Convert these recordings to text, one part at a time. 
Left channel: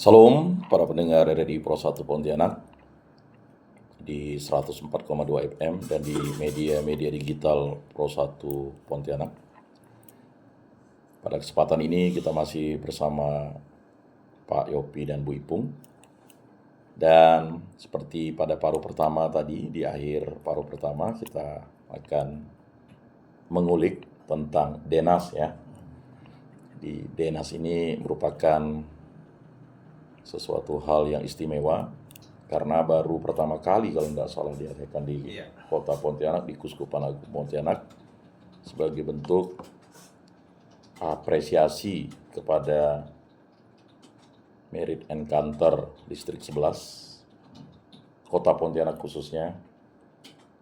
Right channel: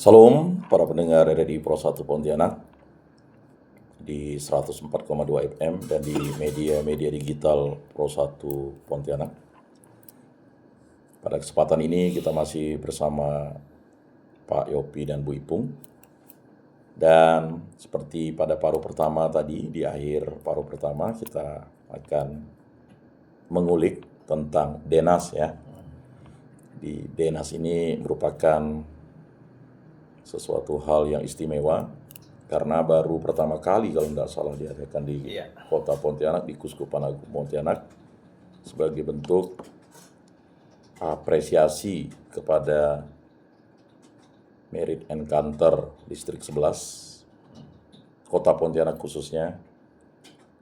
Salam para pendengar RRI Pro 1 Pontianak di 104,2 FM dan di media digital Pro 1 Pontianak. Pada kesempatan ini kita masih bersama Pak Yopi dan Bu Ipung. Dan seperti pada paruh pertama tadi, di akhir paruh pertama kita akan mengulik tentang Denas ya. Di Denas ini merupakan sesuatu hal yang istimewa karena baru pertama kali kalau tidak salah diadakan di Kota Pontianak, di Kuskupan Agung Pontianak, sebagai bentuk apresiasi kepada Merit Encounter Distrik 11 Kota Pontianak khususnya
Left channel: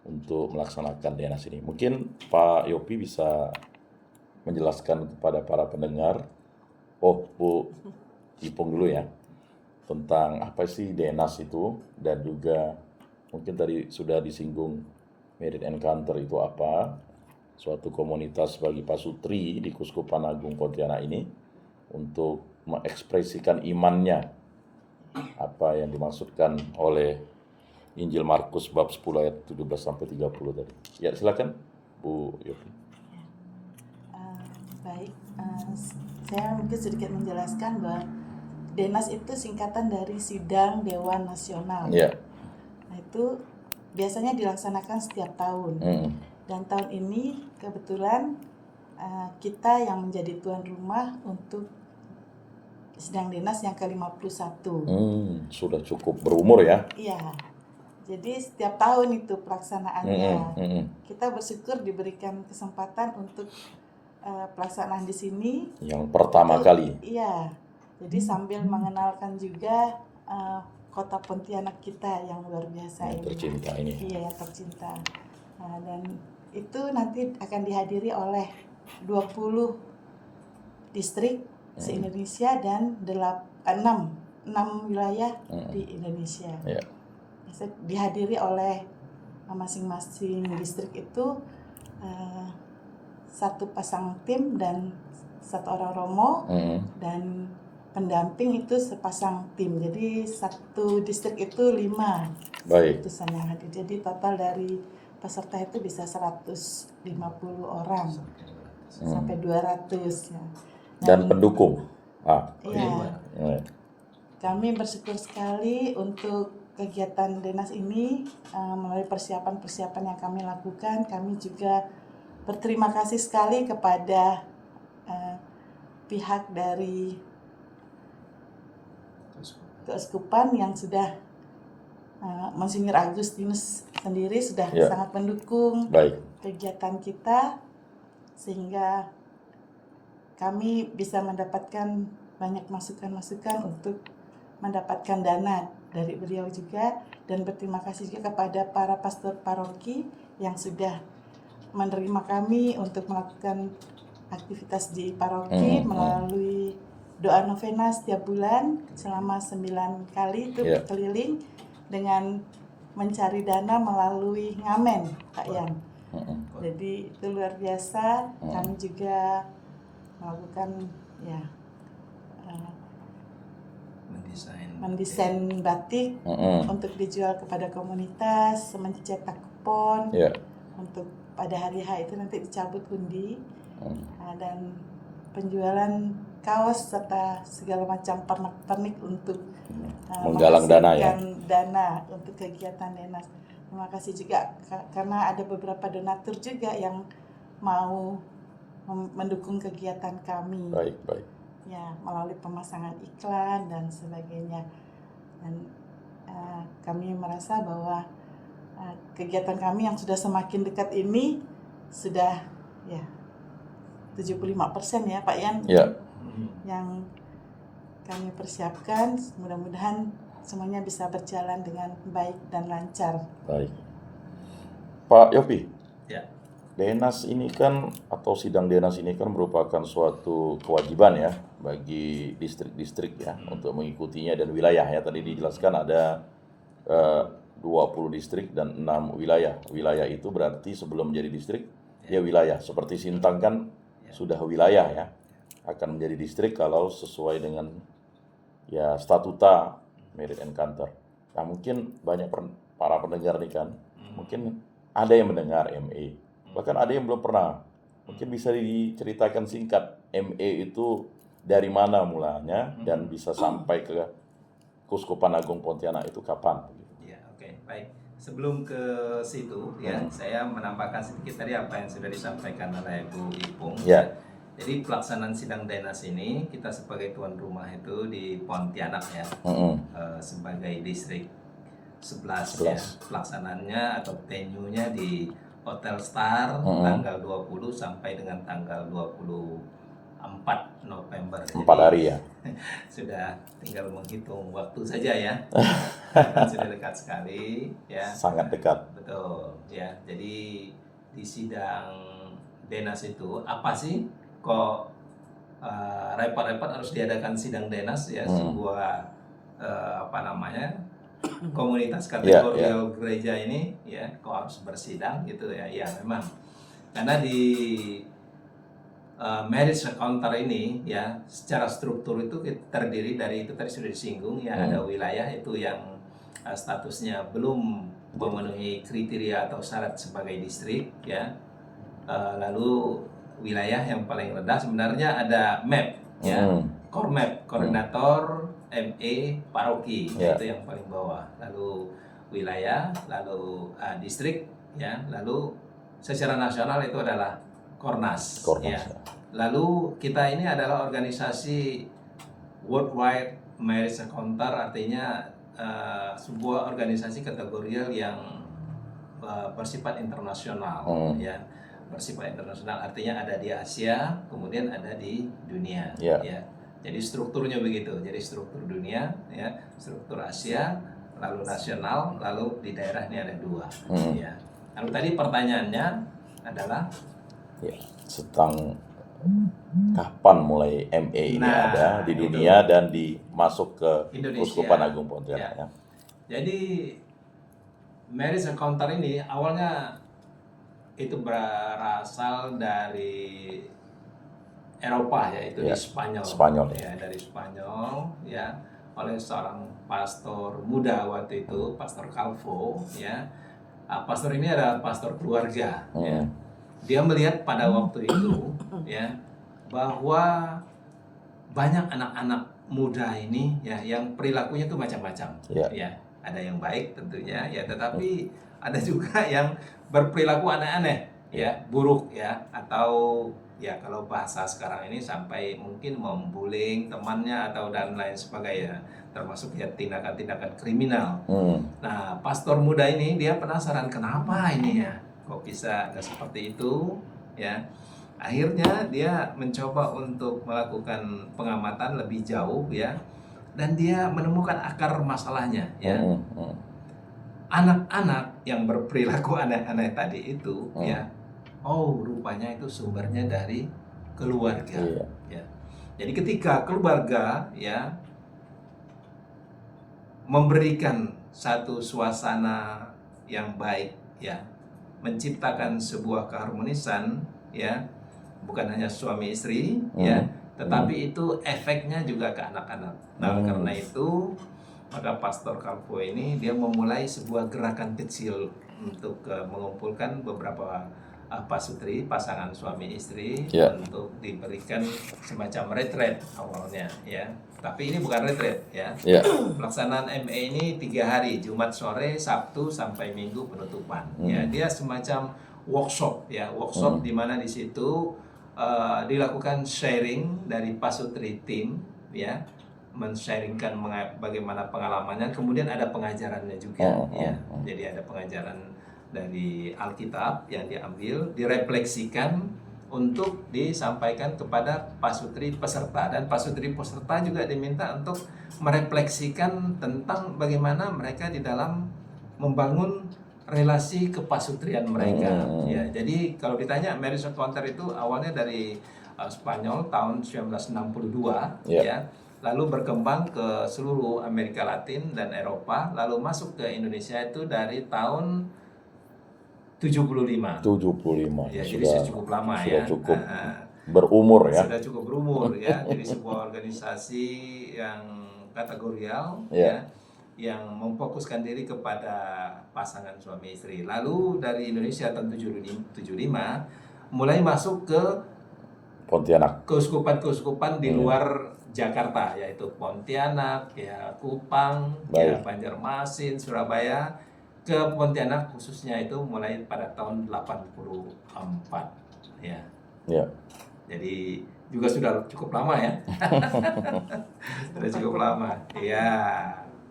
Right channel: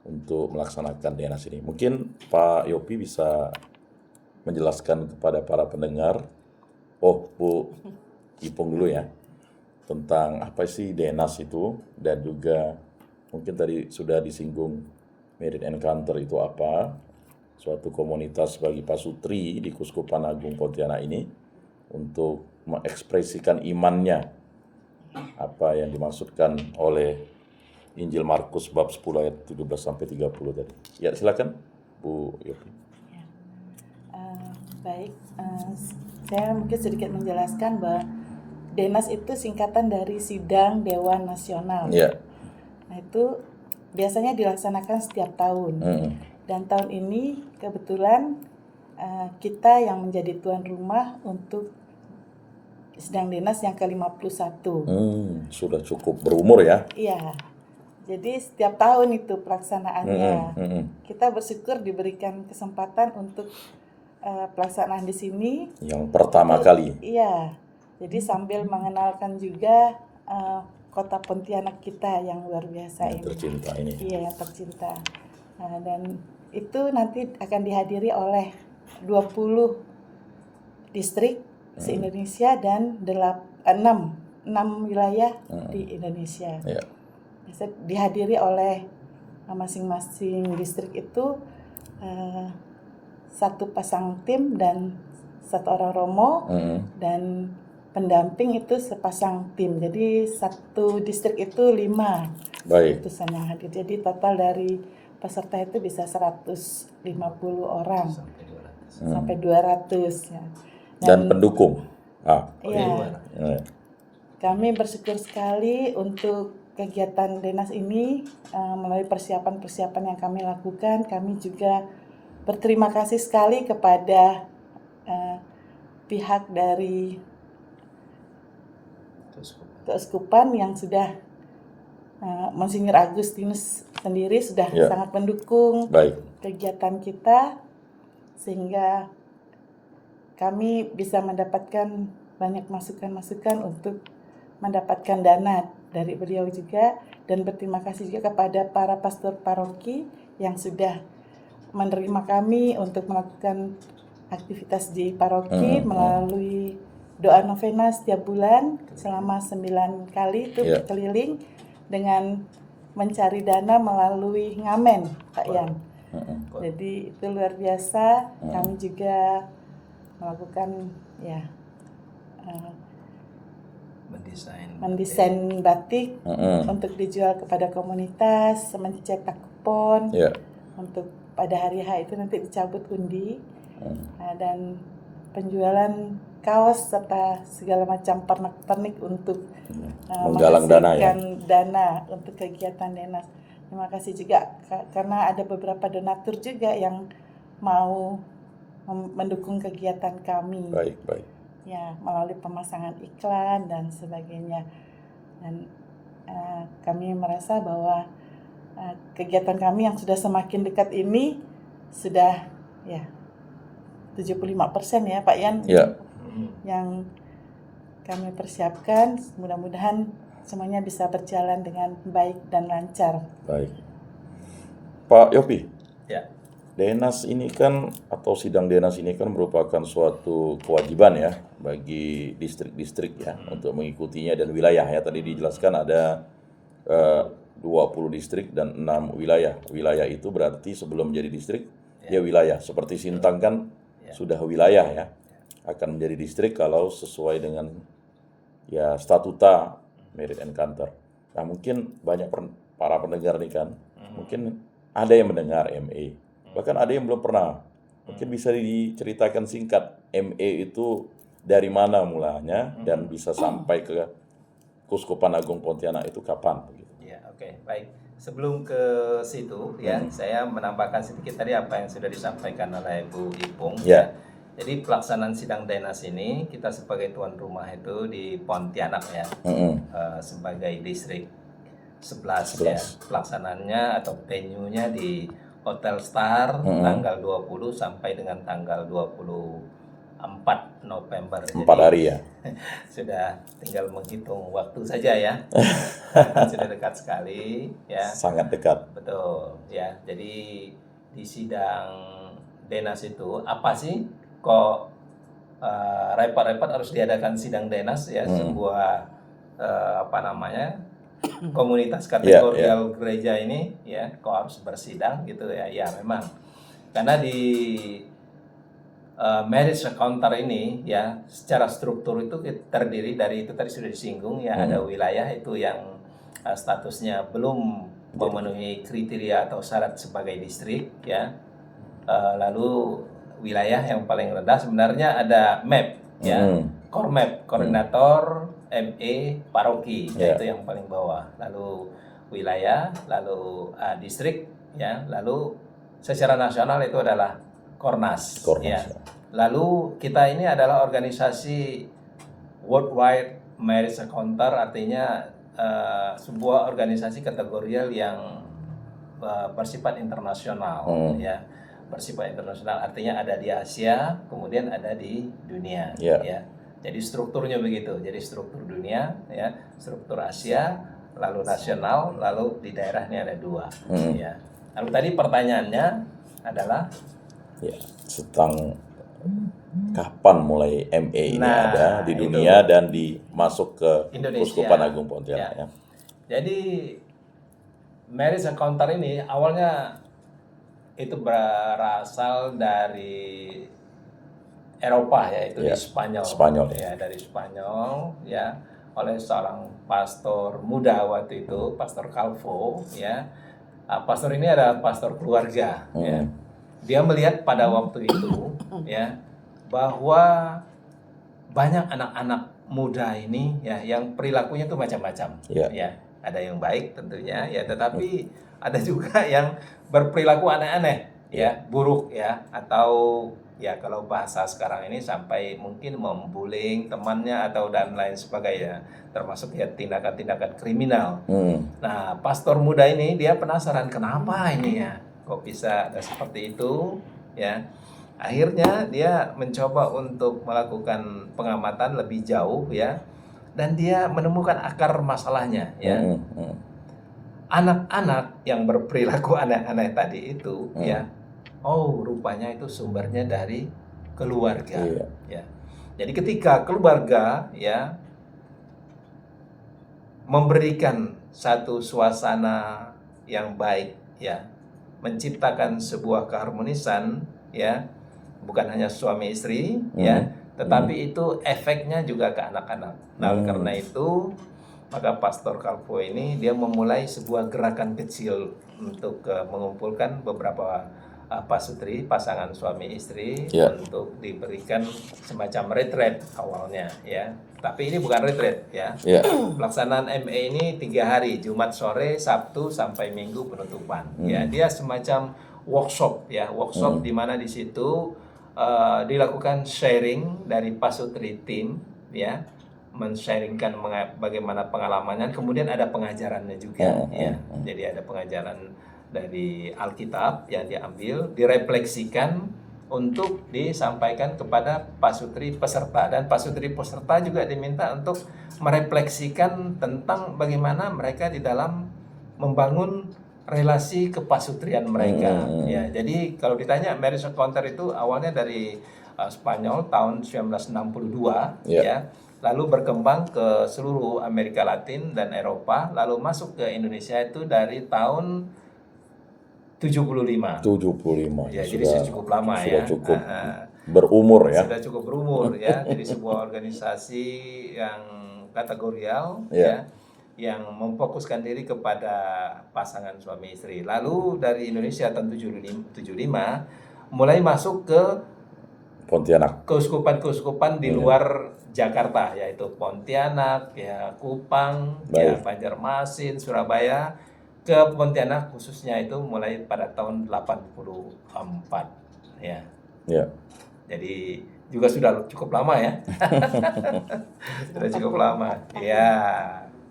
untuk melaksanakan Denas ini. Mungkin Pak Yopi bisa menjelaskan kepada para pendengar, Bu Ipung dulu ya, tentang apa sih Denas itu, dan juga mungkin tadi sudah disinggung Merit Encounter itu apa, suatu komunitas bagi pasutri di Kuskupan Agung Pontianak ini untuk mengekspresikan imannya, apa yang dimaksudkan oleh Injil Markus bab 10 ayat 17-30 tadi. Ya, silakan Bu Yopi. Baik, saya mungkin sedikit menjelaskan bahwa Denas itu singkatan dari Sidang Dewan Nasional. Ya. Nah, itu biasanya dilaksanakan setiap tahun. Dan tahun ini kebetulan kita yang menjadi tuan rumah untuk Sidang Denas yang ke-51. Sudah cukup berumur ya. Iya. Jadi setiap tahun itu pelaksanaannya. Kita bersyukur diberikan kesempatan untuk pelaksanaan di sini. Yang pertama kali. Iya. Jadi sambil mengenalkan juga Kota Pontianak kita yang luar biasa yang ini. Tercinta ini. Iya, yang tercinta. Nah, dan itu nanti akan dihadiri oleh 20 distrik se-Indonesia dan 6 wilayah di Indonesia. Ya. Bisa dihadiri oleh masing-masing distrik itu satu pasang tim dan satu orang romo dan pendamping itu sepasang tim. Jadi satu distrik itu 5 utusan yang hadir. Jadi total dari peserta itu bisa 150 orang sampai 200 ya. Dan pendukung. Iya. Kami bersyukur sekali untuk kegiatan Denas ini melalui persiapan-persiapan yang kami lakukan. Kami juga berterima kasih sekali kepada pihak dari Keuskupan yang sudah Monsinyur Agustinus sendiri sudah sangat mendukung kegiatan kita, sehingga kami bisa mendapatkan banyak masukan-masukan untuk mendapatkan dana dari beliau juga, dan berterima kasih juga kepada para pastor paroki yang sudah menerima kami untuk melakukan aktivitas di paroki melalui doa novena setiap bulan selama 9 kali itu keliling dengan mencari dana melalui ngamen, Pak Yan. Jadi itu luar biasa. Kami juga melakukan mendesain batik untuk dijual kepada komunitas, mencetak kupon untuk pada hari H itu nanti dicabut undi, dan penjualan kaos serta segala macam pernak-pernik untuk menggalang dana untuk kegiatan Denas. Terima kasih juga karena ada beberapa donatur juga yang mau mendukung kegiatan kami. Baik. Ya, melalui pemasangan iklan dan sebagainya. Dan kami merasa bahwa kegiatan kami yang sudah semakin dekat ini sudah 75% ya Pak Yan. Ya. Yang kami persiapkan, mudah-mudahan semuanya bisa berjalan dengan baik dan lancar. Baik. Pak Yopi. Ya. Denas ini kan, atau sidang Denas ini kan merupakan suatu kewajiban ya bagi distrik-distrik ya untuk mengikutinya, dan wilayah ya. Tadi dijelaskan ada 20 distrik dan 6 wilayah. Wilayah itu berarti sebelum menjadi distrik dia wilayah. Seperti Sintang kan sudah wilayah ya. Akan menjadi distrik kalau sesuai dengan ya statuta Merit and Kantor. Nah mungkin banyak para pendengar nih kan, mungkin ada yang mendengar MA, bahkan ada yang belum pernah. Mungkin bisa diceritakan singkat, MA itu dari mana mulanya dan bisa sampai ke Keuskupan Agung Pontianak itu kapan? Ya, oke, baik. Sebelum ke situ ya, saya menambahkan sedikit tadi apa yang sudah disampaikan oleh Bu Ipung. Ya. Jadi pelaksanaan sidang Denas ini kita sebagai tuan rumah itu di Pontianak ya, sebagai distrik 11 ya. Pelaksanaannya atau venue-nya di Hotel Star tanggal 20 sampai dengan tanggal 24 November. 4 hari ya. Sudah tinggal menghitung waktu saja ya. Sudah dekat sekali ya. Sangat dekat. Betul ya. Jadi di sidang Denas itu apa sih kok repot-repot harus diadakan sidang Denas ya, sebuah komunitas kategorial gereja ini ya, kok harus bersidang gitu ya. Ya memang karena di marriage encounter ini ya secara struktur itu terdiri dari, itu tadi sudah disinggung ya, ada wilayah itu yang statusnya belum memenuhi kriteria atau syarat sebagai distrik ya, lalu wilayah yang paling rendah sebenarnya ada MAP ya, core map, koordinator ME paroki itu yang paling bawah, lalu wilayah, lalu distrik ya, lalu secara nasional itu adalah Kornas ya. Lalu kita ini adalah organisasi worldwide marriage encounter, artinya sebuah organisasi kategorial yang bersifat internasional ya. Bersifat internasional artinya ada di Asia, kemudian ada di dunia ya. Jadi strukturnya begitu. Jadi struktur dunia ya, struktur Asia, lalu nasional, lalu di daerah ini ada 2 ya. Lalu tadi pertanyaannya adalah ya, tentang kapan mulai MA ini ada di dunia dan masuk ke Keuskupan Agung Pontianak ya. Jadi marriage encounter ini awalnya itu berasal dari Eropa ya, itu di Spanyol ya, dari Spanyol ya, oleh seorang pastor muda waktu itu, Pastor Calvo ya. Pastor ini adalah pastor keluarga ya. Dia melihat pada waktu itu ya bahwa banyak anak-anak muda ini ya yang perilakunya itu macam-macam ya. Ada yang baik tentunya ya, tetapi ada juga yang berperilaku aneh-aneh ya, buruk ya, atau ya kalau bahasa sekarang ini sampai mungkin membullying temannya atau dan lain sebagainya, termasuk ya tindakan-tindakan kriminal. Nah, pastor muda ini dia penasaran kenapa ini ya, kok bisa ada seperti itu ya. Akhirnya dia mencoba untuk melakukan pengamatan lebih jauh ya, dan dia menemukan akar masalahnya ya. Anak-anak yang berperilaku aneh-aneh tadi itu ya, rupanya itu sumbernya dari keluarga ya. Jadi ketika keluarga ya memberikan satu suasana yang baik ya, menciptakan sebuah keharmonisan ya, bukan hanya suami istri ya, tetapi itu efeknya juga ke anak-anak. Nah, karena itu maka Pastor Calvo ini dia memulai sebuah gerakan kecil untuk mengumpulkan beberapa pasutri, pasangan suami istri untuk diberikan semacam retreat awalnya ya. Tapi ini bukan retreat ya. Pelaksanaan MA ini 3 hari, Jumat sore, Sabtu sampai Minggu penutupan. Ya, dia semacam workshop ya, di mana di situ dilakukan sharing dari pasutri tim ya, men-sharingkan bagaimana pengalamannya, kemudian ada pengajarannya juga ya. Jadi ada pengajaran dari Alkitab yang diambil, direfleksikan untuk disampaikan kepada pasutri peserta, dan pasutri peserta juga diminta untuk merefleksikan tentang bagaimana mereka di dalam membangun relasi kepasutrian mereka ya. Jadi kalau ditanya marriage encounter itu awalnya dari Spanyol tahun 1962 ya. Lalu berkembang ke seluruh Amerika Latin dan Eropa, lalu masuk ke Indonesia itu dari tahun 75 ya, jadi sudah cukup lama ya, cukup berumur ya, sudah cukup berumur ya. Jadi sebuah organisasi yang kategorial Ya. yang memfokuskan diri kepada pasangan suami istri. Lalu dari Indonesia tahun 75 mulai masuk ke Pontianak. keuskupan-keuskupan di luar Jakarta, yaitu Pontianak, ya Kupang, ya Baik. Banjarmasin, Surabaya. Ke Pontianak khususnya itu mulai pada tahun 84 ya. Ya. Jadi juga sudah cukup lama ya. Sudah cukup lama. Ya,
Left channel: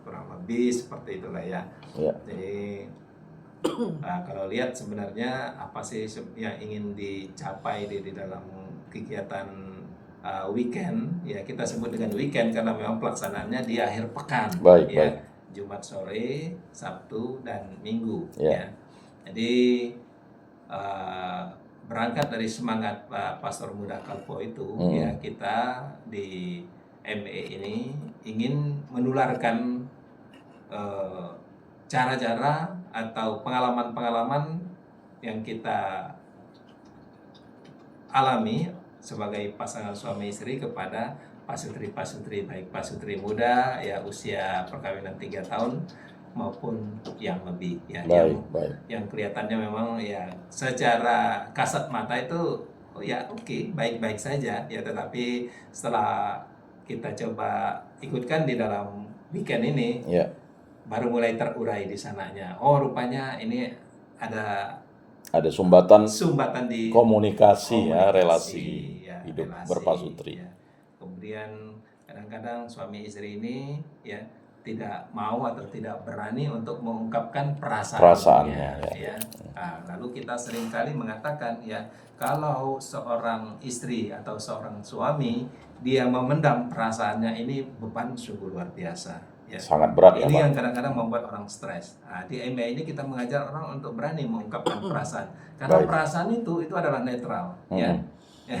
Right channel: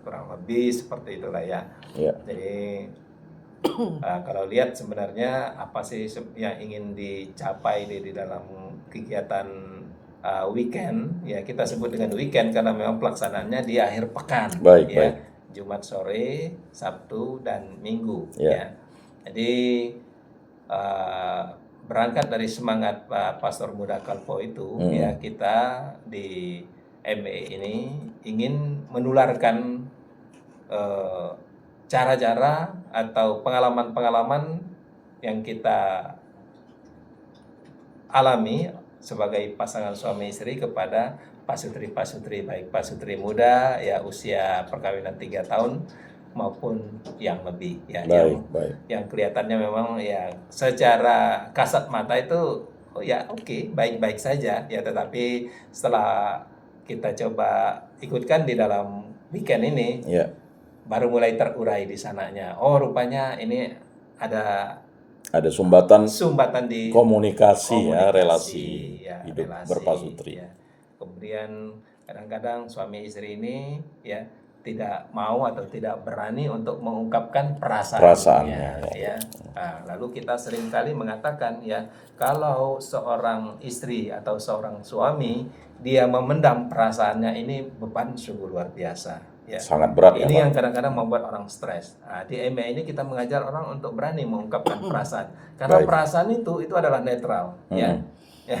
kurang lebih seperti itulah ya. Ya. Jadi kalau lihat sebenarnya apa sih yang ingin dicapai di dalam kegiatan weekend, ya kita sebut dengan weekend karena memang pelaksanaannya di akhir pekan. Baik, ya. baik. Jumat sore, Sabtu dan Minggu. Ya. Ya. Jadi berangkat dari semangat Pak Pastor Muda Kalpo itu, ya kita di MBE ini ingin menularkan cara-cara atau pengalaman-pengalaman yang kita alami sebagai pasangan suami istri kepada pasutri-pasutri, baik pasutri muda ya usia perkawinan 3 tahun maupun yang lebih ya. Yang kelihatannya memang ya secara kasat mata itu ya oke, baik-baik saja ya, tetapi setelah kita coba ikutkan di dalam weekend ini baru mulai terurai di sananya. Oh, rupanya ini ada sumbatan di komunikasi ya, relasi hidup berpasutri. Ya. Kemudian kadang-kadang suami istri ini ya tidak mau atau tidak berani untuk mengungkapkan perasaannya ya. Nah, lalu kita seringkali mengatakan ya, kalau seorang istri atau seorang suami dia memendam perasaannya, ini beban sungguh luar biasa. Ya. Sangat berat ini ya, yang kadang-kadang membuat orang stres. Nah, di MBA ini kita mengajar orang untuk berani mengungkapkan perasaan. Karena perasaan itu adalah netral, ya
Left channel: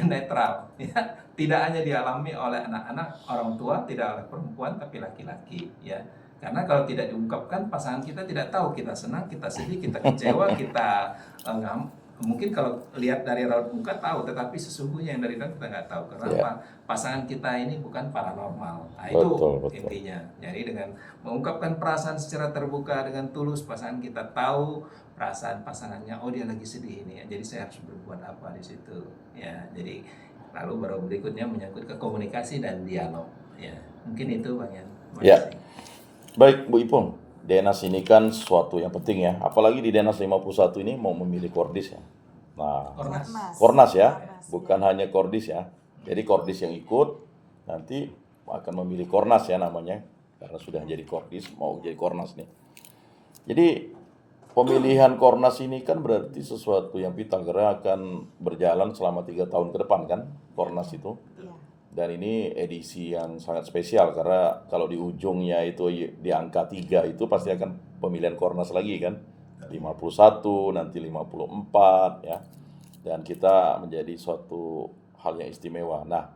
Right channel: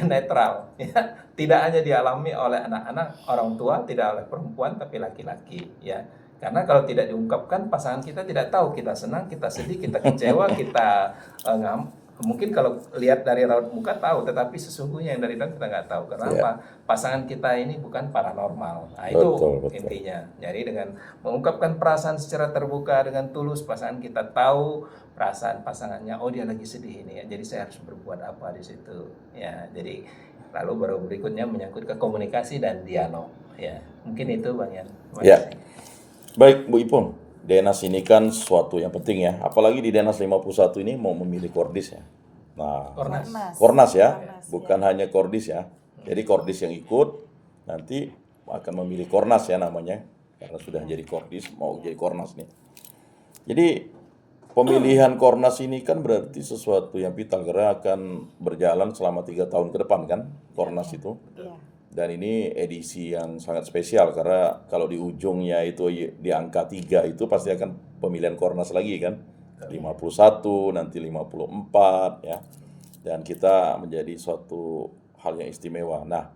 netral, ya tidak hanya dialami oleh anak-anak, orang tua, tidak oleh perempuan, tapi laki-laki, ya. Karena kalau tidak diungkapkan, pasangan kita tidak tahu kita senang, kita sedih, kita kecewa, kita mungkin kalau lihat dari raut muka tahu, tetapi sesungguhnya yang dari dalam kita nggak tahu. Kenapa? Pasangan kita ini bukan paranormal. Nah, itu intinya. Jadi dengan mengungkapkan perasaan secara terbuka dengan tulus, pasangan kita tahu perasaan pasangannya. Oh, dia lagi sedih ini ya. Jadi saya harus berbuat apa di situ. Ya, jadi lalu baru berikutnya menyangkut ke komunikasi dan dialog. Ya, mungkin itu Bang Yan. Ya. Baik, Bu Ipung. DNAS ini kan sesuatu yang penting ya, apalagi di DNAS 51 ini mau memilih kordis ya. Nah, Kornas ya, bukan hanya kordis ya. Jadi kordis yang ikut nanti akan memilih Kornas ya namanya, karena sudah jadi kordis mau jadi Kornas nih. Jadi pemilihan Kornas ini kan berarti sesuatu yang vital karena akan berjalan selama 3 tahun ke depan kan Kornas itu. Dan ini edisi yang sangat spesial karena kalau di ujungnya itu di angka 3 itu pasti akan pemilihan Kornas lagi kan. 51, nanti 54 ya. Dan kita menjadi suatu hal yang istimewa. Nah,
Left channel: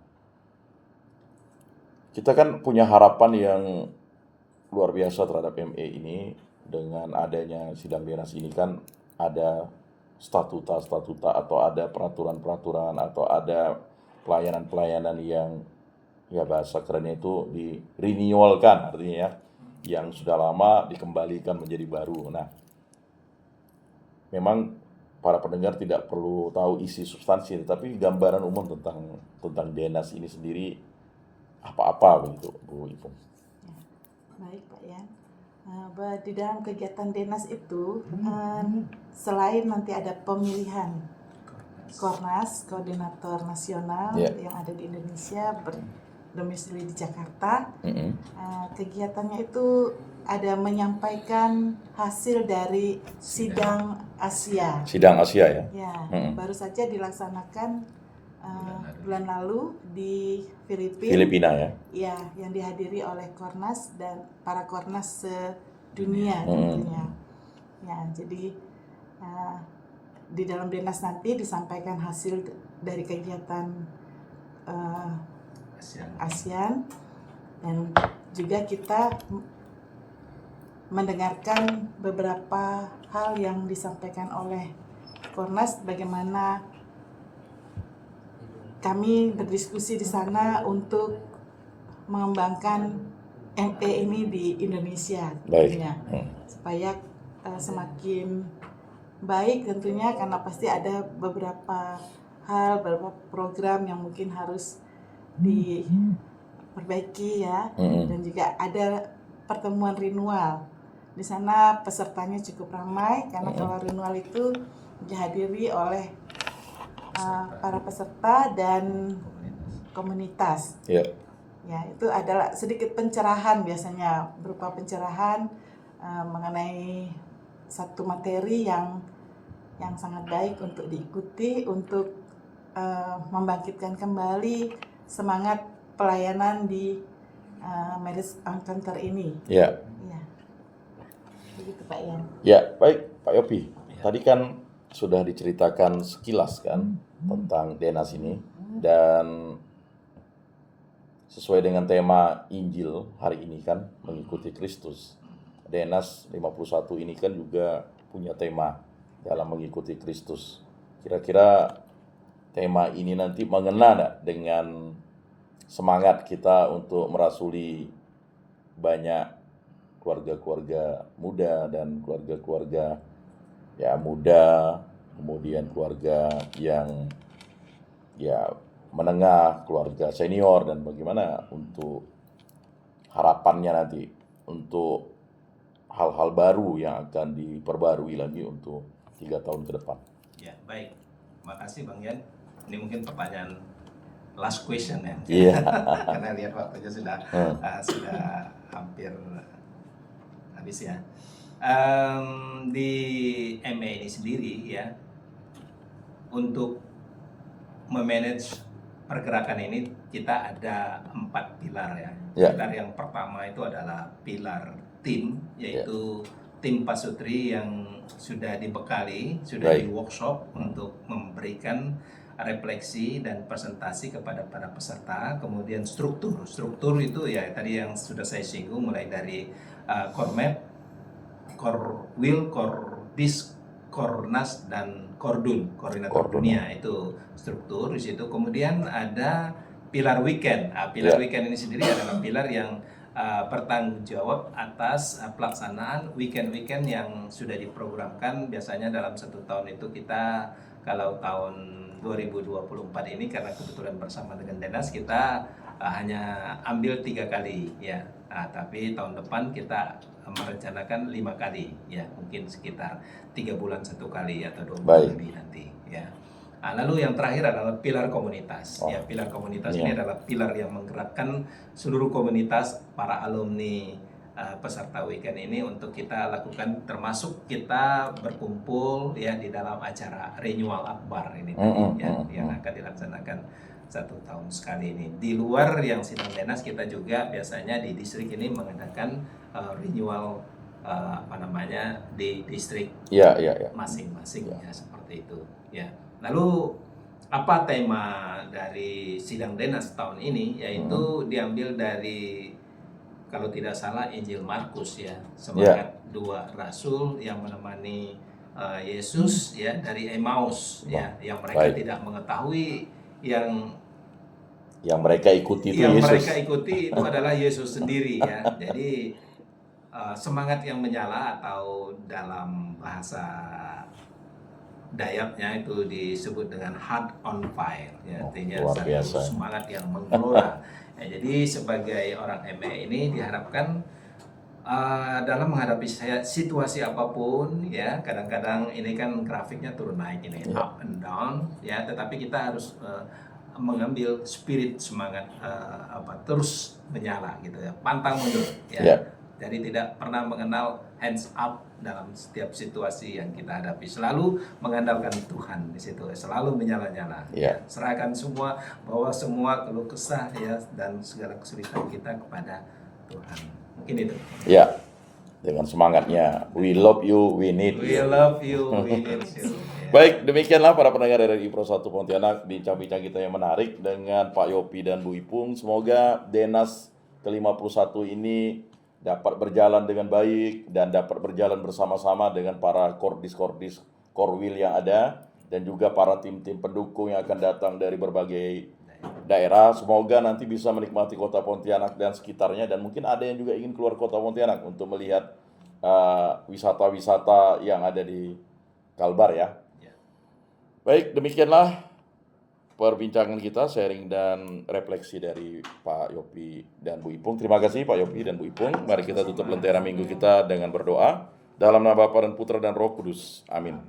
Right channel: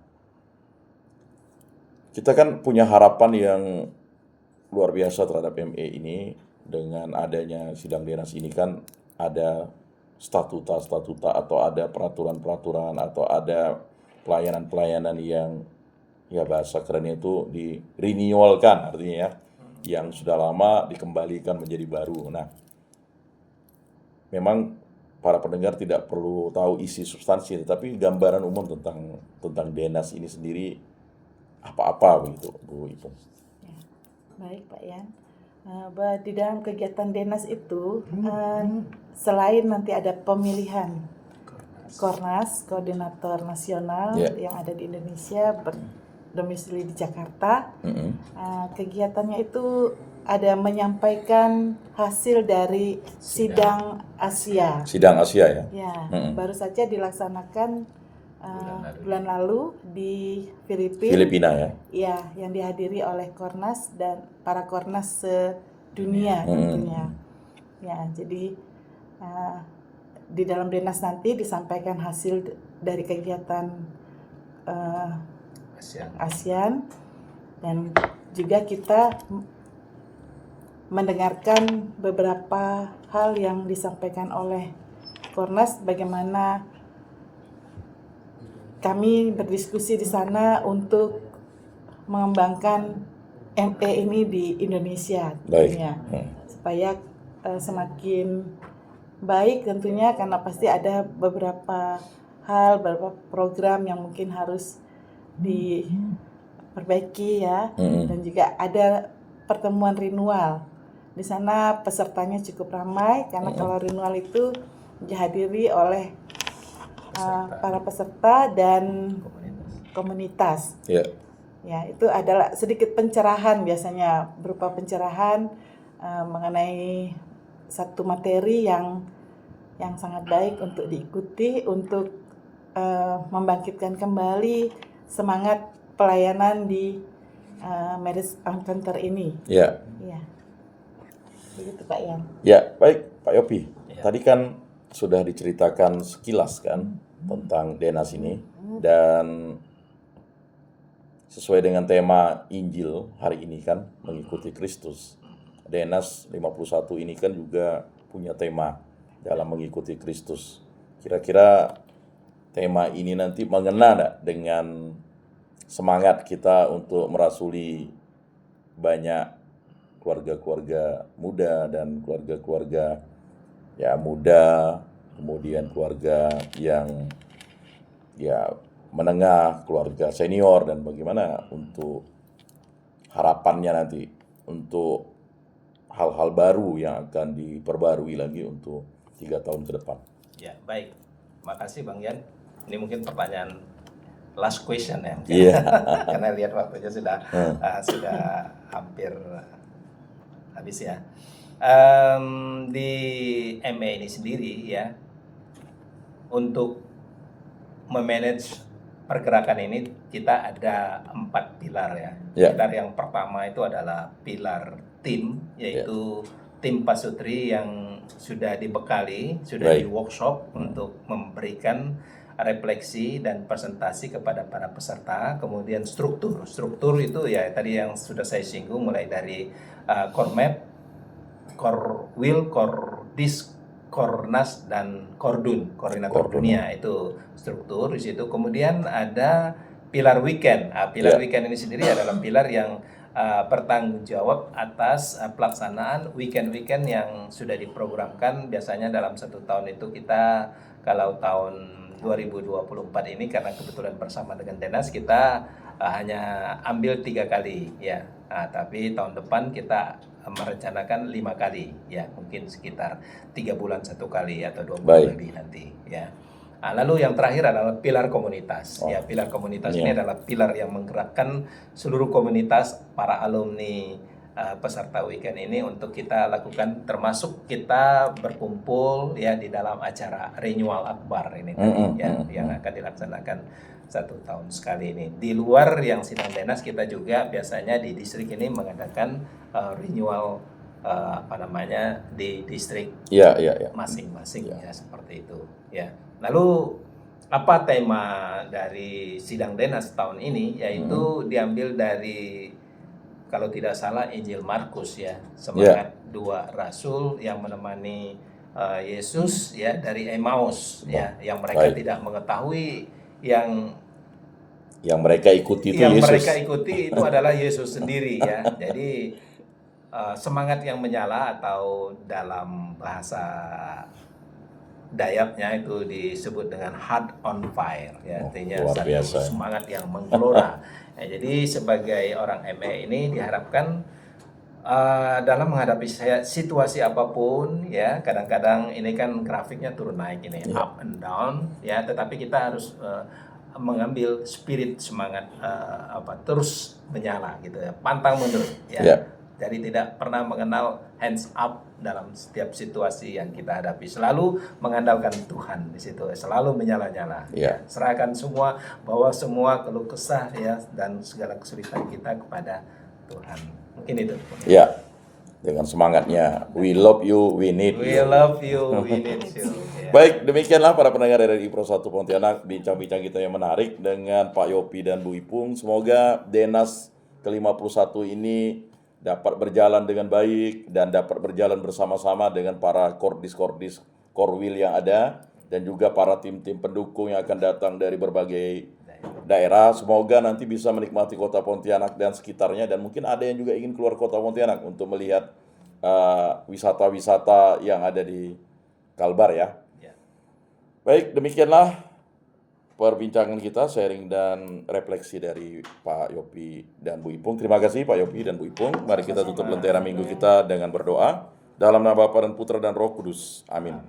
kita kan punya harapan yang luar biasa terhadap ME ini dengan adanya sidang DNAS ini kan ada statuta atau ada peraturan-peraturan atau ada pelayanan-pelayanan yang ya bahasa kerennya itu di renewalkan, artinya ya yang sudah lama dikembalikan menjadi baru. Nah, memang para pendengar tidak perlu tahu isi substansi, tapi gambaran umum tentang DNAS ini sendiri apa begitu, Bu Ipung. Ya, baik Pak Yan. Di dalam kegiatan DNAS itu selain nanti ada pemilihan Kornas, koordinator nasional yang ada di Indonesia berdomisili di Jakarta. Kegiatannya itu ada menyampaikan hasil dari sidang Asia. Sidang Asia ya? Ya, baru saja dilaksanakan bulan lalu di Filipina ya? Ya, yang dihadiri oleh Kornas dan para Kornas sedunia tentunya. Ya, jadi di dalam DNAS nanti disampaikan hasil dari kegiatan ASEAN dan juga kita mendengarkan beberapa hal yang disampaikan oleh Kornas, bagaimana kami berdiskusi di sana untuk mengembangkan ME ini di Indonesia Baik. tentunya. Supaya semakin baik tentunya, karena pasti ada beberapa hal, beberapa program yang mungkin harus diperbaiki ya. Dan juga ada pertemuan renewal. Di sana pesertanya cukup ramai, karena kalau renewal itu dihadiri oleh para peserta dan komunitas. Ya. Ya, itu adalah sedikit pencerahan, biasanya berupa pencerahan mengenai satu materi yang sangat baik untuk diikuti, untuk membangkitkan kembali semangat pelayanan di Marriage Encounter ini. Ya. Ya. Begitu Pak Yan. Ya, baik Pak Yopi. Tadi kan sudah diceritakan sekilas kan tentang Denas ini, dan sesuai dengan tema Injil hari ini kan, mengikuti Kristus. Denas 51 ini kan juga punya tema dalam mengikuti Kristus. Kira-kira tema ini nanti mengena enggak dengan semangat kita untuk merasuli banyak keluarga-keluarga muda dan keluarga-keluarga ya muda, kemudian keluarga yang ya menengah, keluarga senior, dan bagaimana untuk harapannya nanti untuk hal-hal baru yang akan diperbarui lagi untuk 3 tahun ke depan. Ya, baik. Makasih Bang Yan. Ini mungkin pertanyaan last question ya. Iya. Karena lihat waktunya sudah hampir habis ya. Di ME ini sendiri ya, untuk memanage pergerakan ini kita ada 4 pilar ya. Pilar yang pertama itu adalah pilar tim, yaitu tim pasutri yang sudah dibekali, sudah di workshop untuk memberikan refleksi dan presentasi kepada para peserta. Kemudian struktur itu ya tadi yang sudah saya singgung, mulai dari core map, core will, core disc, Kornas dan Kordun, koordinator dunia, itu struktur di situ. Kemudian ada pilar weekend. Pilar weekend ini sendiri adalah pilar yang bertanggung jawab atas pelaksanaan weekend-weekend yang sudah diprogramkan. Biasanya dalam 1 tahun itu kita, kalau tahun 2024 ini karena kebetulan bersama dengan Denas, kita hanya ambil 3 kali ya. Tapi tahun depan kita merencanakan 5 kali ya, mungkin sekitar 3 bulan 1 kali atau 2 bulan lebih nanti ya. Lalu yang terakhir adalah pilar komunitas. Ya, pilar komunitas ini adalah pilar yang menggerakkan seluruh komunitas para alumni peserta weekend ini untuk kita lakukan, termasuk kita berkumpul ya di dalam acara Renewal Akbar ini yang akan dilaksanakan 1 tahun sekali ini. Di luar yang sidang Denas, kita juga biasanya di distrik ini mengadakan renewal di distrik masing-masing ya, seperti itu ya. Lalu apa tema dari sidang Denas tahun ini? Yaitu diambil dari, kalau tidak salah, Injil Markus ya, semangat 2 rasul yang menemani Yesus ya dari Emmaus ya, yang mereka tidak mengetahui yang mereka ikuti itu Yesus. Yang mereka ikuti itu adalah Yesus sendiri ya. Jadi semangat yang menyala, atau dalam bahasa Dayaknya itu disebut dengan heart on fire ya, artinya semangat yang menggelora. Ya, jadi sebagai orang ME ini diharapkan dalam menghadapi situasi apapun ya, kadang-kadang ini kan grafiknya turun naik ini, up and down ya, tetapi kita harus mengambil spirit semangat terus menyala gitu ya, pantang mundur ya. Jadi tidak pernah mengenal hands up dalam setiap situasi yang kita hadapi, selalu mengandalkan Tuhan di situ, selalu menyala-nyala. Serahkan semua, bawa semua keluh kesah ya dan segala kesulitan kita kepada Tuhan. Mungkin itu. Ya, dengan semangatnya, we love you, we need you. We love you, we need you. Baik, demikianlah para pendengar dari Pro 1 Pontianak, bincang-bincang kita yang menarik dengan Pak Yopi dan Bu Ipung. Semoga Denas ke-51 ini dapat berjalan dengan baik dan dapat berjalan bersama-sama dengan para Korwil yang ada, dan juga para tim-tim pendukung yang akan datang dari berbagai daerah, semoga nanti bisa menikmati kota Pontianak dan sekitarnya, dan mungkin ada yang juga ingin keluar kota Pontianak untuk melihat wisata-wisata yang ada di Kalbar ya. Baik, demikianlah perbincangan kita, sharing dan refleksi dari Pak Yopi dan Bu Ipung. Terima kasih Pak Yopi dan Bu Ipung. Mari kita tutup lentera minggu kita dengan berdoa. Dalam nama Bapa dan Putra dan Roh Kudus. Amin.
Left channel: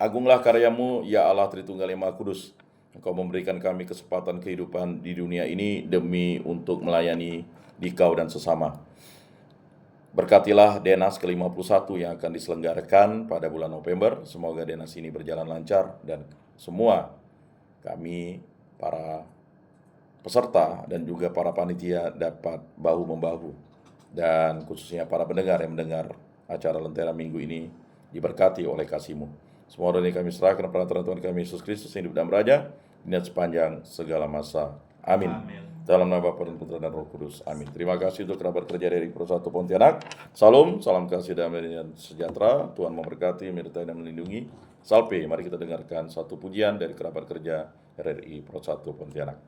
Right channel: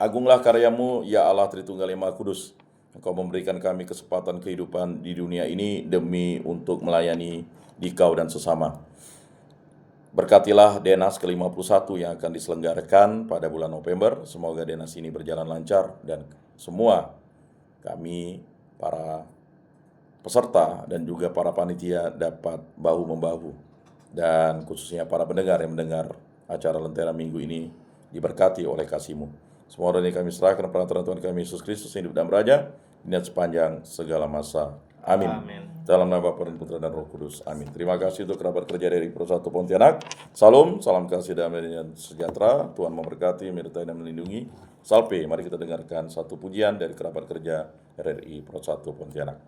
Agunglah karyamu, ya Allah Tritunggal yang Maha Kudus. Engkau memberikan kami kesempatan kehidupan di dunia ini demi untuk melayani dikau dan sesama. Berkatilah Denas ke-51 yang akan diselenggarakan pada bulan November. Semoga Denas ini berjalan lancar dan semua kami, para peserta dan juga para panitia dapat bahu-membahu. Dan khususnya para pendengar yang mendengar acara Lentera Minggu ini diberkati oleh kasih-Mu. Semua doa ini kami serahkan pada Tuhan kami Yesus Kristus yang hidup dan beraja sepanjang segala masa. Amin. Dalam nama Bapa dan Putra dan Roh Kudus. Amin. Terima kasih untuk kerabat kerja dari Pro 1 Pontianak. Salam kasih damai dan sejahtera. Tuhan memberkati, menyertai dan melindungi. Salpe, mari kita dengarkan satu pujian dari kerabat kerja RRI Pro 1 Pontianak.